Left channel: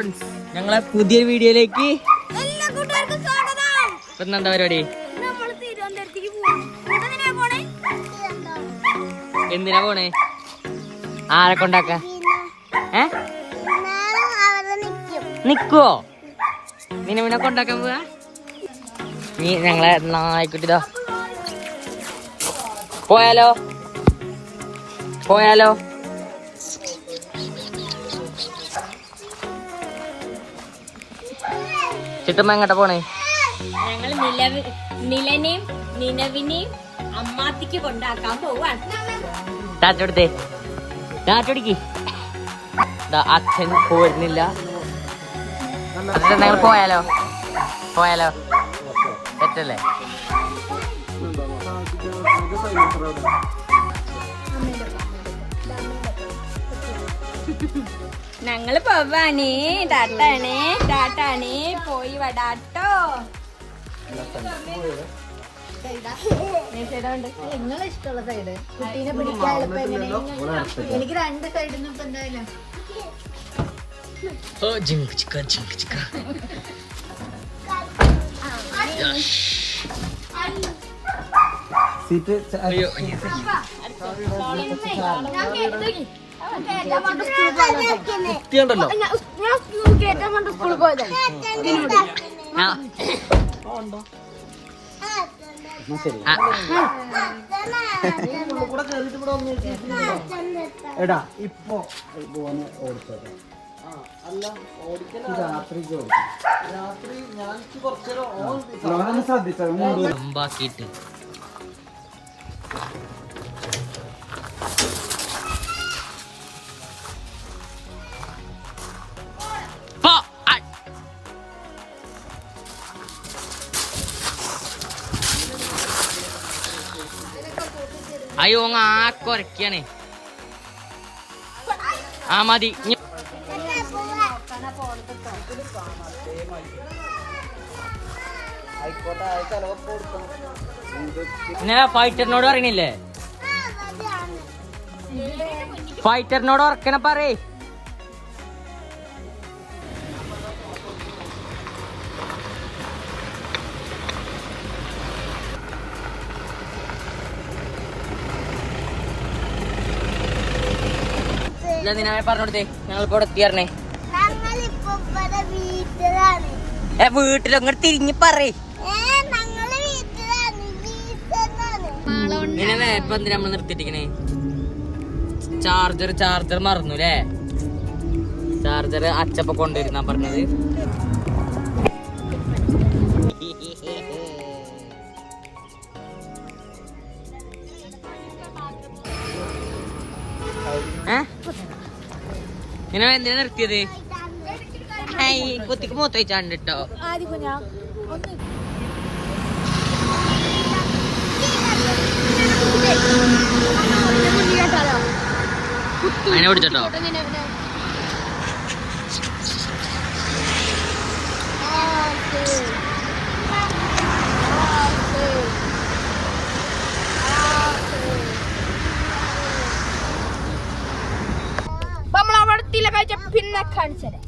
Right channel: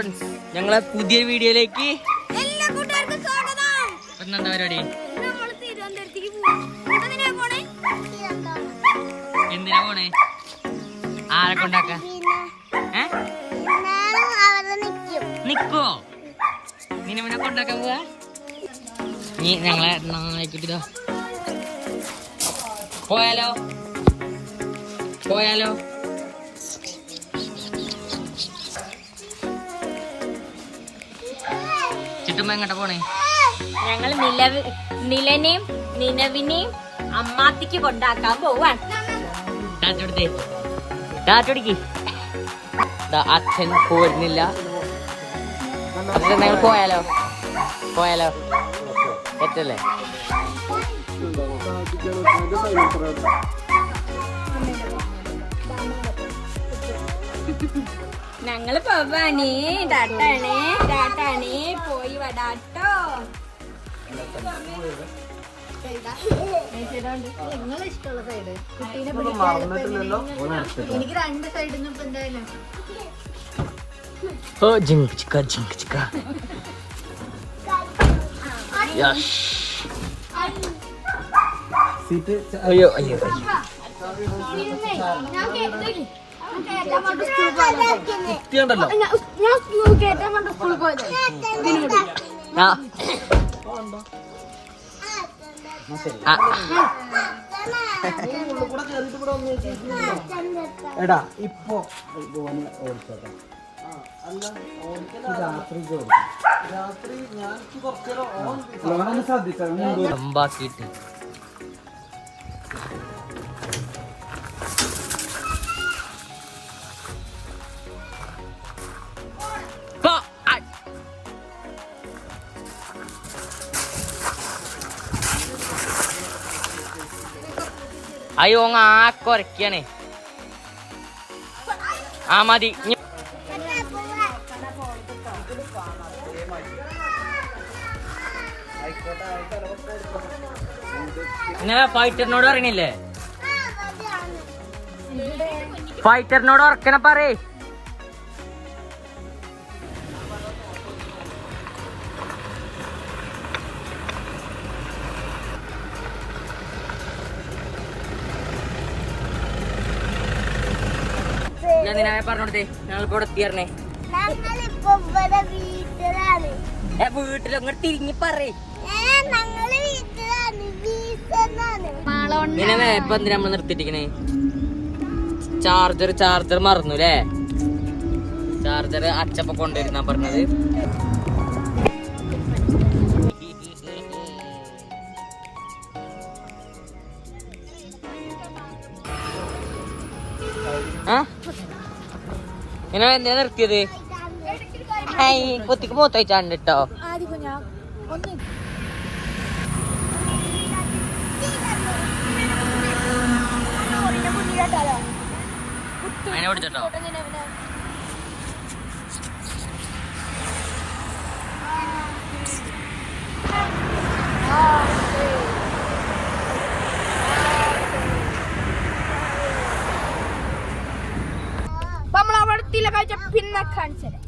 Friends, ഞങ്ങളെ പുതിയ വീഡിയോയിലേക്ക് എന്താ പരിപാടി? എന്തിനാ പോണേ? ആരെ കൊണ്ടാക്ക? നിക്കുവോ? നിന്നെ കൊണ്ടാക്കാൻ പോവാ? നീ ഞങ്ങളെ നായിക്കുട്ടിതാ പോയാലോ? പോയാലോ? ചുറ്റുമ്പോ എങ്ങോട്ടാ പോണേ? ഞങ്ങൾ നിലനെയും നിലവിനെയും അമ്മാത്തിക്ക് കൊണ്ടാക്കാൻ പോവാൻ. ടാറ്റെടുത്തേ, ടാറ്റടിക്ക്. അച്ഛൻ പോരുന്നില്ല. പോയാലോ? പോയാലോ? പറ്റല്ലേ? ഞങ്ങള് പോവാനേ. ടാട്ടാണേ, ടാട്ടാണേ, പോയി വടാട്ടോ. ഇഷ്ടമുള്ള സൈഡ് കുട്ടീനെ പിടിക്കാൻ എനിക്ക് രണ്ട് സൈഡിൽ നിന്നും എന്തായാലും എടാ ഇപ്പൊ രാത്രി ഞാൻ കുറച്ചേരം ശ്രദ്ധിച്ചിട്ട് അയ്യോ ആക്കൊരക്കാണ്. ആ മതി. ഇന്നലെ ഫൈറ്ററിനോട് പറയണില്ലേ? ഫൈറ്ററിനോട് ഉറക്കണ പറയേ. പറഞ്ഞോടത്തേ ഞങ്ങളിപ്പോ ഇവിടെ എത്തിയറിഞ്ഞേ. വീട്ടിൽ അങ്ങോട്ട് തിരിഞ്ഞ് പറയേ. നിന്നെ ഇപ്പൊ എന്തിനാ നമ്മള് നിർത്തിട്ടിരിക്കണേ? ചാർജർ മറന്നു അല്ലേ? ചാർജർ അച്ചപ്പ കൊണ്ടുവരുന്നാ പറഞ്ഞത്. നിന്നെ എന്തിനാ നിർത്തിയത്? കുത്തിക്ക് മൂത്തയച്ചാണ്ട് കേട്ടോ. അതിനെ പിടിച്ചോ. നമ്മളവിടെ പിന്നെ കാണിച്ചു തരാം.